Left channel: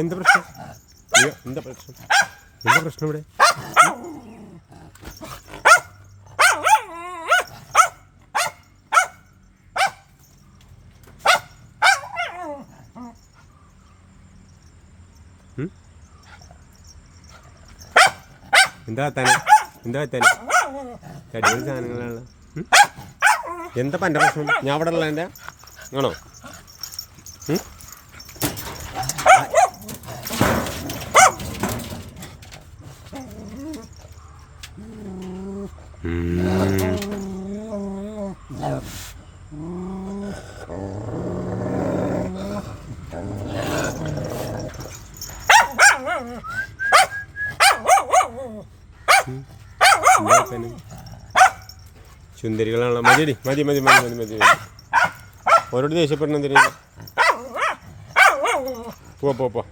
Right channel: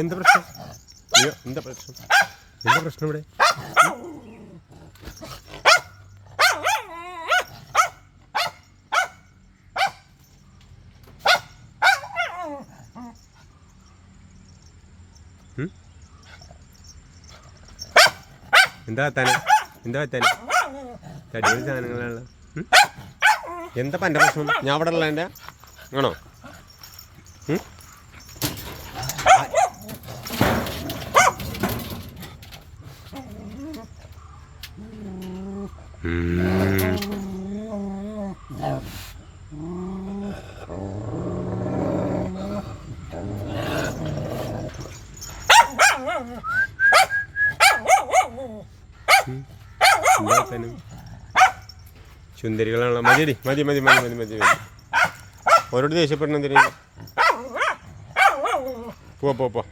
എന്താ പ്രശ്നം? അയ്യോ എന്താ പ്രശ്നം? എന്താ പ്രശ്നം ഇവിടെ? എന്താ എത്താൻ? എന്താ എത്താൻ? അടിപൊളി സാധനങ്ങളാണല്ലോ. എന്താ എൻ്റെ പ്രശ്നം? ഞാൻ അവിടെ ഉള്ള എൻ്റെ ആണോ? ചുന്ദരികളാണല്ലോ. മതി മതി മതി മതി മതി മതി മതി. ഓരോട് ദേഷ്യപ്പെടണം എന്തിനാ? പോ പോ പോ.